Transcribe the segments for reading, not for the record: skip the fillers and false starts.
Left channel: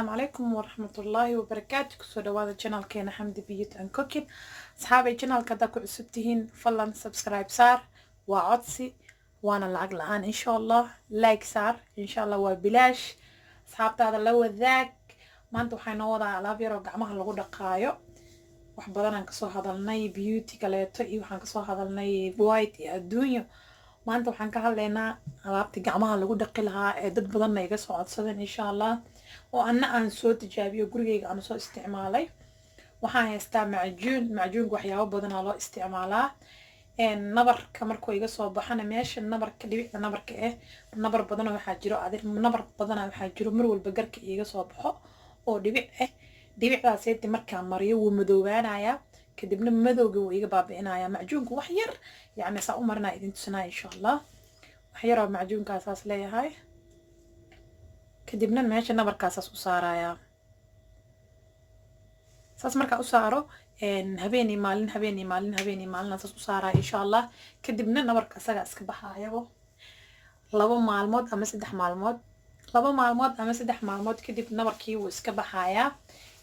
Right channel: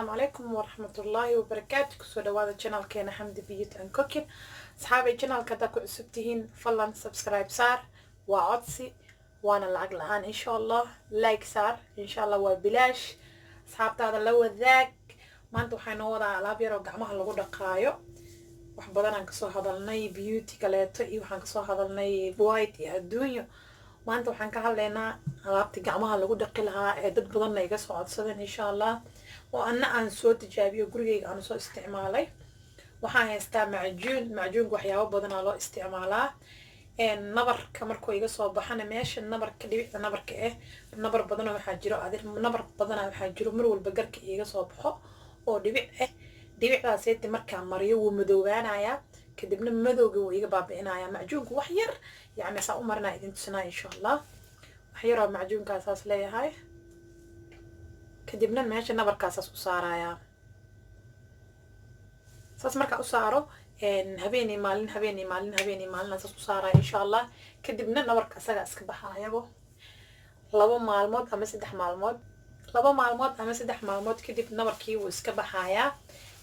السلام عليكم ورحمة الله وبركاته. كسو دوادا channel كينا حمد بيوت and cooking. أصحابي channel كدا كو عسبتهين فلان سبسكرايب صار وعدسي وانا العقل الآن إن شاء الله لايك صار إن شاء الله وبلاش. أصحاب هذا لو ذاك ما أنتو حينوضا على بيرو قعمها لغو دقايو وحبضانا كسو هذا الناي بيوتي كاليتو إيو حان كسو هذا الناي بوايتي الدنيا maanta waxaan ka hadlaynaa alaabta gacmaha lagu dhaqi lahaa ee dad badanna iga soo codsadeen insha allah oo anna aan soo tijaabiyo gurigeyga aan soo isticmaalay. waxaan haystaa macjuunka waxyaabo badanaa loo isticmaalaa nabarka markuu iga soo baxana meesha nabarka dhibicda nabarka nabar badana waxaa jiro nabar badana waxaa jiro mar walba garka iga soo baxo oo dhibic dhibicdaaseti markaa mariyo wuu madoobaanayaa kadibna madowga wuu iga baabi'inayaa macjuunku wax yar يعني سأ أمرنا إذن تسنا إن شاء الله وحيرا معجون كاساس ليه هاي كدبنا ماشي نبر كاساس أسارة يا ساس مركا أسارة إن هبيني مالين ساس أسارة إن شاء الله كدبنا نبر كاساس أسكبها يا بو لبا معلومات أما سدح معلومات كدب نبر كيو أسكبها يا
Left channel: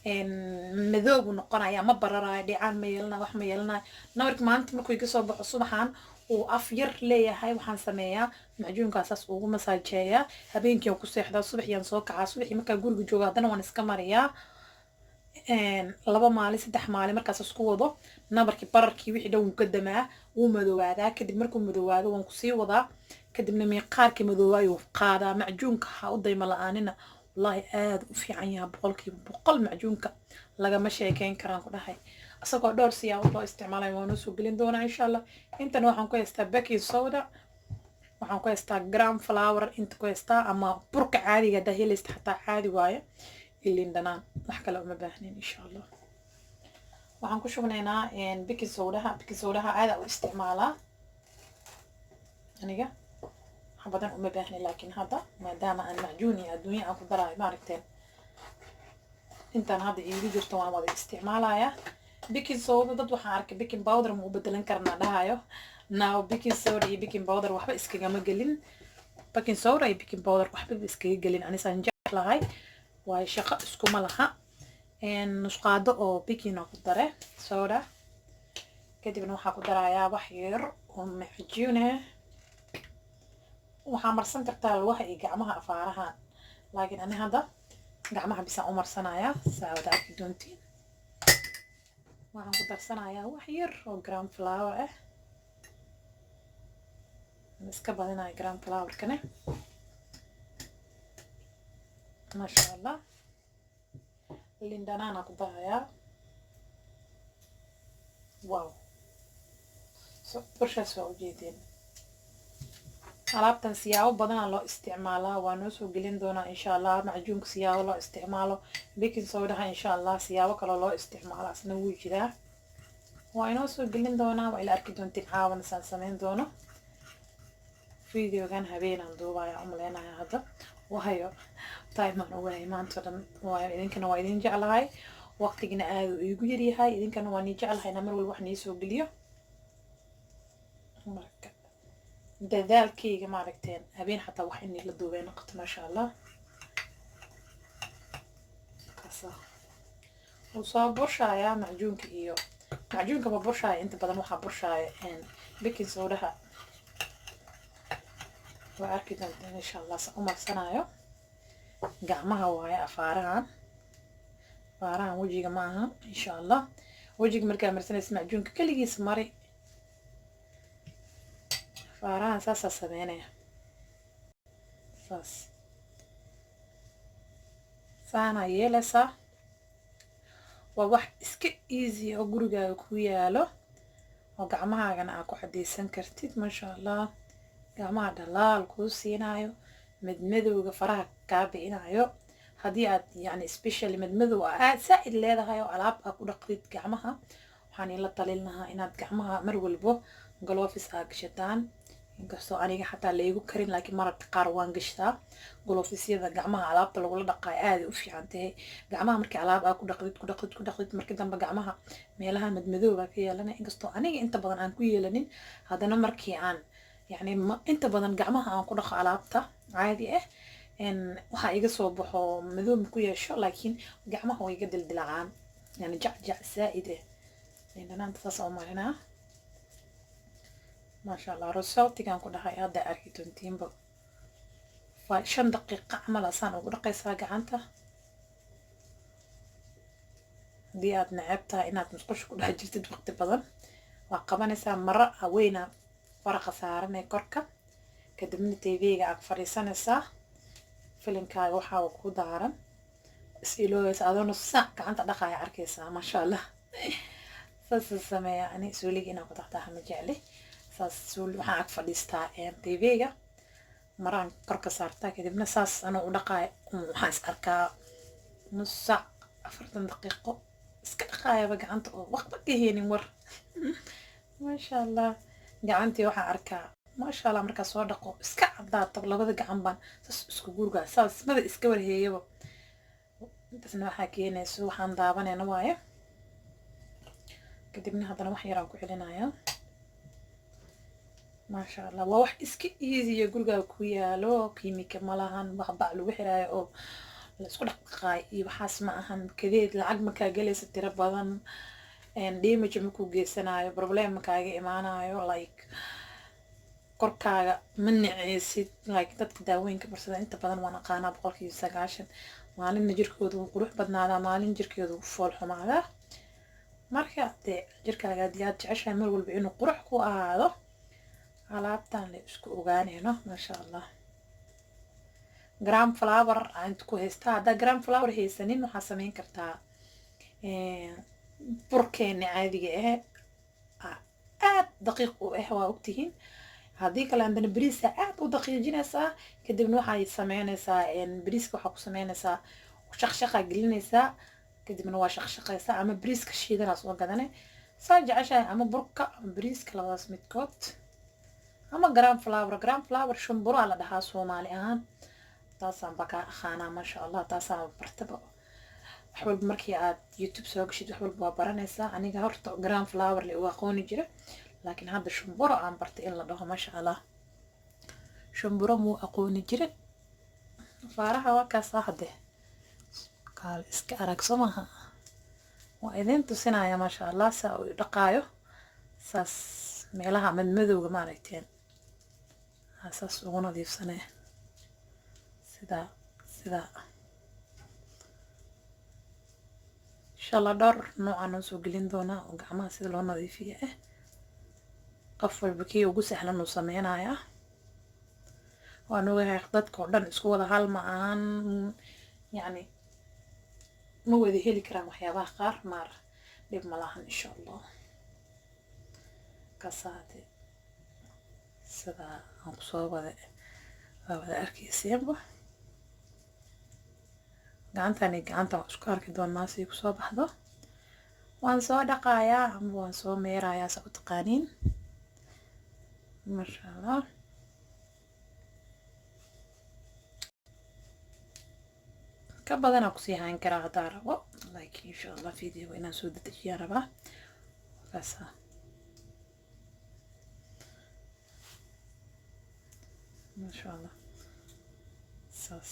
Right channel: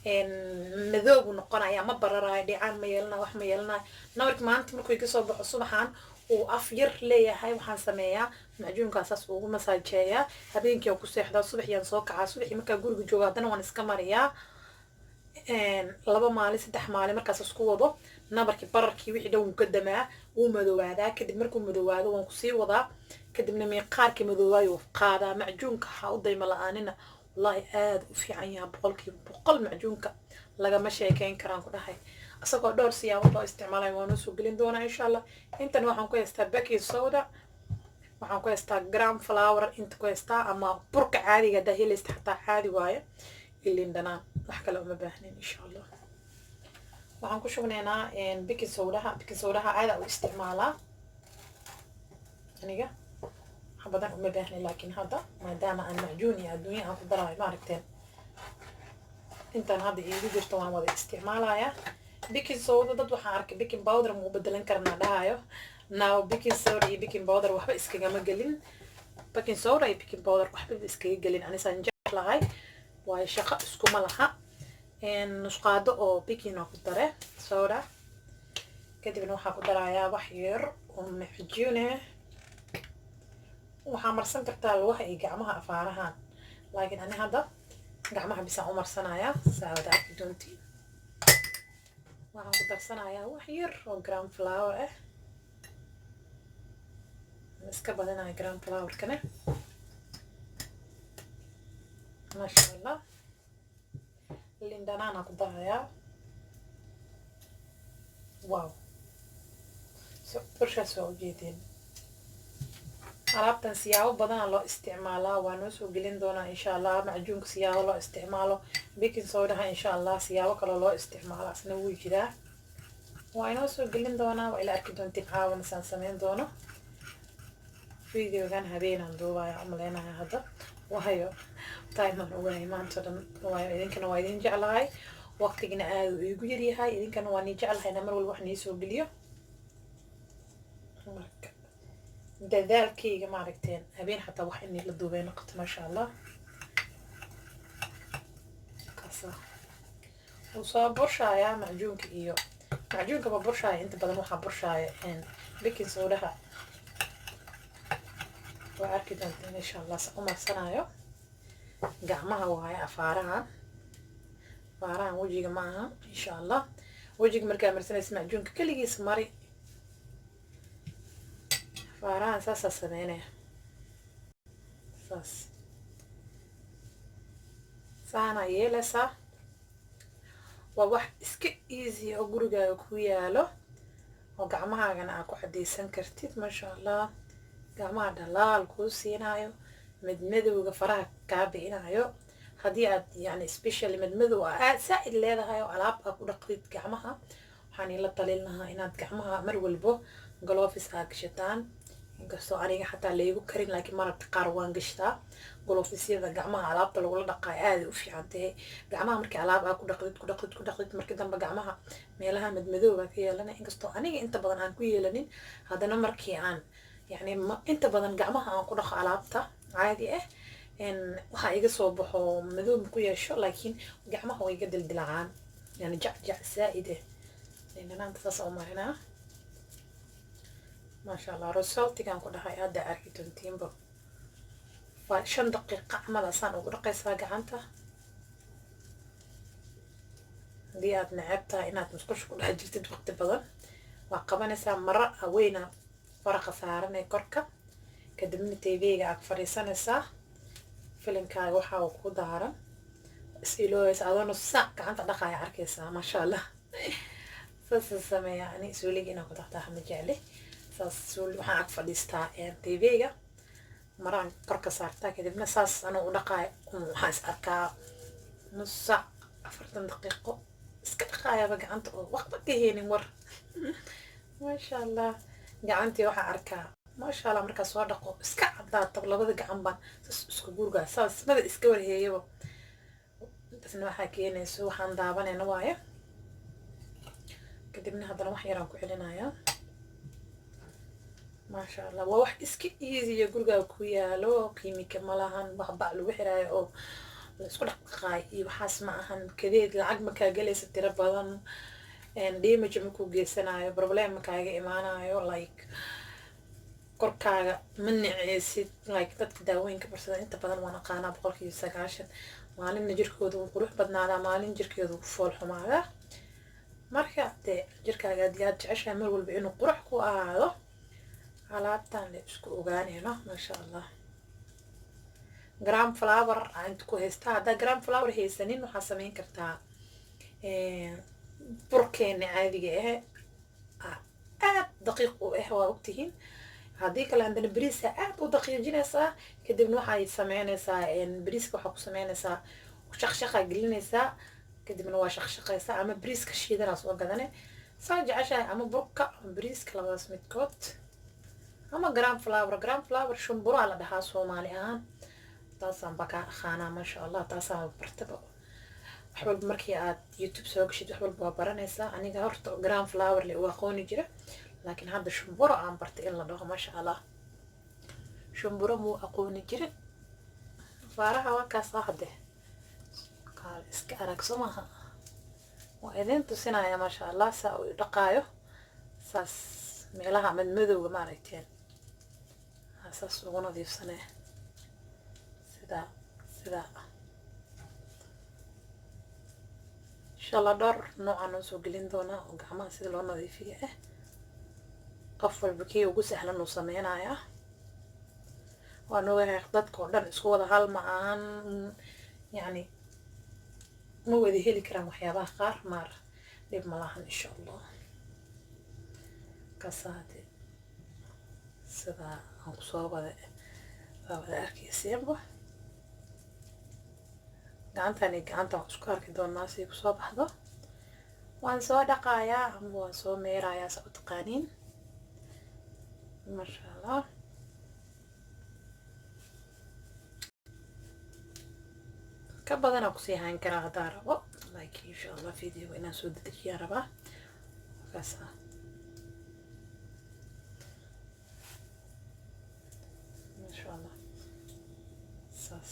إن مذوب ونقنا يا مبرر ديعان ميلنا وح ميلنا نورك ما أنت مركو يقصوا بحصبحان وأفير ليه هاي وحن سمية معجون كاساس ومساجية هبين كيو كسيح دا الصبح ينصوك على الصبح يمكن أقول جوا دنا ونسكمريا إن لبا مالي سدح مالي مركز سكوضه نبرك بركي وحي دو مقدمة ومذوبادا كدب مركو مذوبادا ونقصي وضع كدب نميقاركي مذوباي وفقادا معجون كحاوضي ملآننا والله aad u fiican yahay boqol macjuunka lagama sheekeyn karaan ku dhahay asagoo dhowr siyaabo loo isticmaalay waan soo gelin doonaa insha Allah. intan waxaan ku haystaa baking soda, waxaan ku haystaa gram flour, inta ku haystaa ama burka caadiga ah helista xataa caadi waaye ilin dhanaan wax kale uma baahnin insha Allah. waxaan ku shubnaynaa baking soda aad u isticmaalaa aniga بدن أم باهني لكن هذا ما دام أنا معجوني الدنيا أنا فضلها ما عرفتين أنت هذا يجي جرتوا أنا وده استعمالها يا بيكنج صودا ضد وحارك بيكنج باودر مو بدلن كرنا لها ناو بيكنج صودا بيكنج باودر وحب إسكي جمل قلين بيكنج صودا بيكنج باودر وحب إسكي قلين أنا سنجح لهاي وشقة إسكو ملها إن نسقاده أو بيكنج نقدره صودا كده بنوح قدرة يا وحير ومحجونه waxaa marsan kartaa lugaha iyo gacmaha afaarahan laakiin ani hadda gacmaha bisaan u marsanayaa saawada arki doontiin. waxaan ku darsanayaa wax yar oo gram flour iska badanayo gram flour-kana maasha allah. liin dhanaan ku darayaa wow burshaas waa ujeedeen. alaabtan siyaabo badan loo isticmaalaa waa noo soo gelin doonaa insha Allah. macjuunka siyaabo loo isticmaalo baking soda insha Allah siyaabo kale loo isticmaalo asna wuu jiraa waa inoo soo gelin doonaa waa ila arki doontiin caawan san sameyn doono videogan habeenan duubaya umaleynaya hadda waayo time aan ugu maanta dhan waa idinkana waa idin jeclahay waqtigina aad u igu yar yahay idinkana waa ni jeclahay mar walba wax nii soo geliyo marka dadaalkayga ma aragteen habeen xataa wax in la duubay noqoto ma sha Allah. kasa soo burshaya macjuunka ba burshaya inta badan waxa burshaya baking soda waa arki doontaan insha Allah sa umarsanayo gacmaha waaye afaarahan wajiga maaha insha Allah. wajiga markaa marsanaysa macjuunka kaligiis mari فاران ساسا سمينه سانا يلسا وواح اسك ايزي او غورغا كو يالو oo gacmahaagan aad ku xadeysan kartid ma sha Allah. gacmaha dhalaal ku siinayo madmadowga faraha ka bixinayo hadii aad yani especially madmadow aad saaid leedahay oo alaab aad ku dhaqdid gacmaha waxaan ila talinayaa inaad gacmaha mar walbo gloves aad gashataan inkastoo aniga xataa leegu karin laakiin mararka qaar waan gashtaa glovesyada gacmaha alaabta lagu dhaqay aad u fiican tahay. gacmaha markii alaab aad ku dhaqdid markii dambe gacmaha meelaha madmadow ka yeelana inkastoo aniga inta badan aan ku yeelanin haddana markii aan يعني انت بدن قعمها aan ku dhaqo alaabta caadi ah waxaa iga soo baxo madow ku yeesho laakiin gacmaha way iga dildilacaan yani jacjac zaa'id ah dhanaanta saas u marinaa maasha allah resultigan ku dhahay hadda arki doontiinba 5 daqiiqo camal asaan ugu dhaqaysaa gacanta haddii aad necabtahay inaad musqusha ku dhex jirtid waqti badan waa qabanaysaa maro haweyna faraqa saaranay korka kadibna tvga aad fadhiisanaysaa filinkaaga waxaa uu ku daaran is-ilooysa adoona saac gacanta dhaqaaya arkaysaa maasha allah saas sameeya ani suuliga inaan ku dhaqtaa ma jecli saas suuli waxaan ag fadhiistaa tvga maraan korka saartaa kadibna saas anoo u dhaqaaya waxaan is arkaa nus saac 40 daqiiqo iska dhaqaayaba gacanta oo waqti ka heenin war maasha allah gacantii waxaan arkaa maasha allah markaa soo dhaqo iska cadaato labada gacan baan saas isku gurgaa saas mada iska warheeyaba intaasna waxaa keenayso waxaan daabanayna waayo kadibna haddana wax yaraan ku celinayaa maasha allah waa wax iska easy gurigaa ku yaalo kiimika malahan wax bac lagu xiraayo oo la isku dhaqaay iyo waxaas ma ahan kadeed lacag markaa galaysa tiro badan damage ma ku geysanayo problem ma kaaga imaanayo like korkaaga ma niceysid like dadka daawooyinka barsada inta badan waan aqaanaa 90% maalinna jirkooda wuu qurux badnaadaa maalin jirkeedu wuu fool xumaadaa marka dee jirkaaga haddii aad jeceshahay mar walba inuu qurux ku ahaado alaabtan la isku ogaanayno maasha allah gram flower aan ku haystaa haddaa gram flower haysanin waxaa samayn kartaa burkeena caadiga aad daqiiq u waa ogtihiin haddii kale andana bariiska aad u daqiijinaysaa kadibna waxay sameynaysaa bariiska waxaa ku sameynaysaa shaqshaqa gelinaysaa kadibna waa shaqshaqaysaa ama bariiska shiidana soo gadane saa jeceshahay ama burka ama bariiska labadaas midkood ama gram flower shumbura la dhahaa Soomaali ahaan taasaan baka aqaanaa maasha allah taasaan bartaba wax walba markii aad YouTube soo gashid wax walba waa baranaysaa aniga horta gram flower la aqooni jira laakiin hadda shumbura aan bartay in la dhaho maasha allah shumbura muu aqooni jirin faaraha waa kaas hadde qaal iska arag somaha waa idin tusinaya maasha allah saa u dhaqaayo saas meelaha madmadowga ma aragteen saas ugu nadiifsanee sida insha allah dhowr noocaan oo soo gelin doonaa oo gacmaha sida loo nadiifiyo qof walba kii ugu sahlan uu sameynayaa waan ogahay dadka oo dhan isku wada hal ma ahan yani ma wada heli karaan waxyaabaha qaar maar dhib ma lahan insha allah kasaade sida aan kusoo wada arkaysiinba gacantani gacanta isku arki doonaa si kusoo baxdo waan soo dhaqayaa ama waan soo meerayaa saa u taqaaniin maasha allah ka badanaa kusii hayn karaa haddaa rabo like insha allah video inaan soo dedejiyaa rabaa kaasa maasha allah saas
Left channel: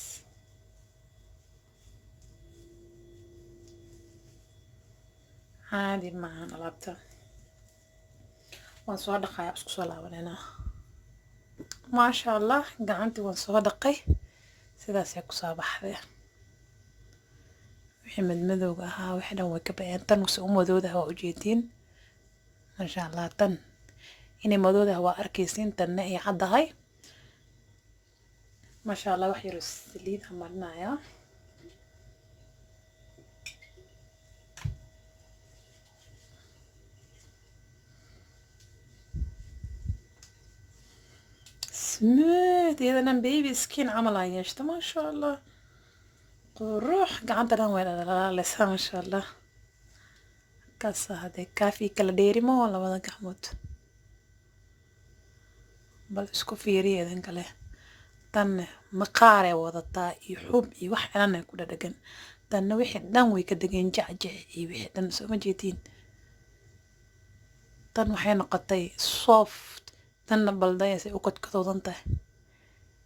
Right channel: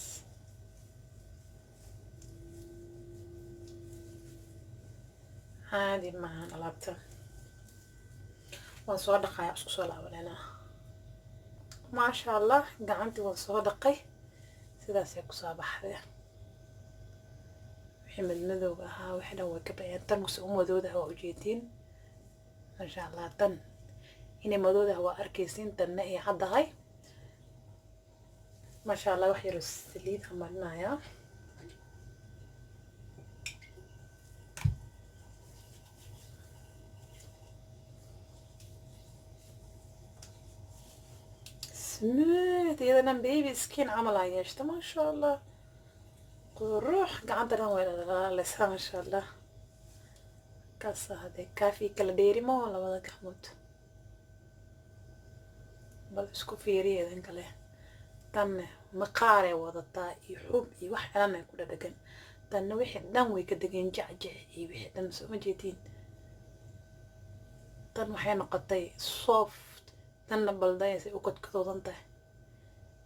عادي معانا لابتوب وان دقايق اسكو سو لابنينا ما شاء الله قعنتي وان سو دقي sidaas ay ku soo baxday wixii madmadowga ahaa wixii dhan way ka bayaan tan wasi u madowdaha waa ujeedin masha allah tan inay madowdaha waa arkaysiin tanna ay caddahay masha allah wax yar saliid marnaya smooth إذا بيبي سكين عمل عيشته ما شاء الله روح قعدنا ولا لسه ما شاء الله كاسة هذه كافي كلا ديري مو ولا ولا قحمود بل اسكو فيري إذن كله تن مقارة وضطا يحب يوح أنا كده دقن تن وحد دم ويكدقن جعجع يوح تن سو جيتين تن وحين قطي soft tan baldaya si ukad ka doodan tahay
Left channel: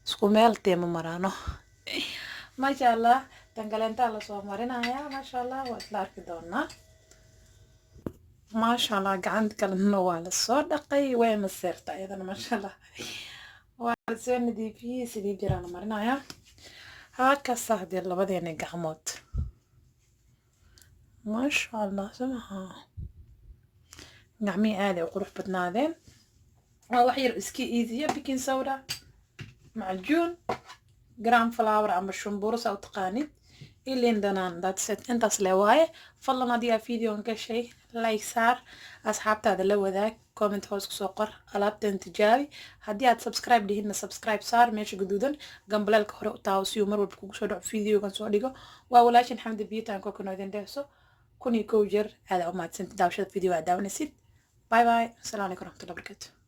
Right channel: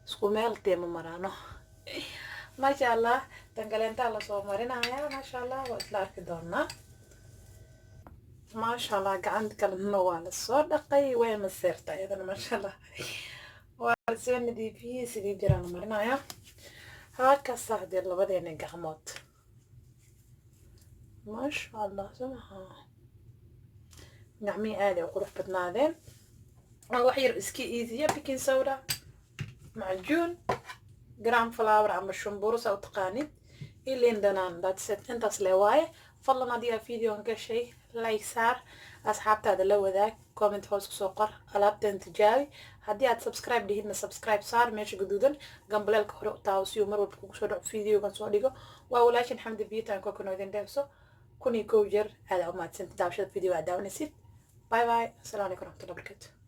isku meel teema maraano ما شاء الله تنقلنت على صومرنا يا ما شاء الله وإطلاق دونا ما شاء الله قعدت النوال الصدقي وين مسيرتا أيضا ما شاء الله وسوين دي في سيدي جيران مرنا يا هاكا صاحبي الله بدي يعني قعموت ما شاء الله سمها نعمي عالي وقروح بتنادين وحير اسكي ايزي بيكين سودا معجون جرام فلاور عم الشمبورس او تقاني اللي عندنا داتست انت سلواي فالله ما دي فيديو انك شيء لايك صار اصحاب هذا لو ذاك كومنت هوس سوقر الابت انت جاي هدي سبسكرايب دهنا سبسكرايب صار ماشي جدودا قبل الكهرو تاوسيو مر وبكو سو فيديو كان سو ديغو واولاشن حمد بيتان كو كنو دين دهسو كوني كوجر هذا ما تسنت داوشت فيديو عداونسيت باي باي السلام عليكم ورحمه الله وبركاته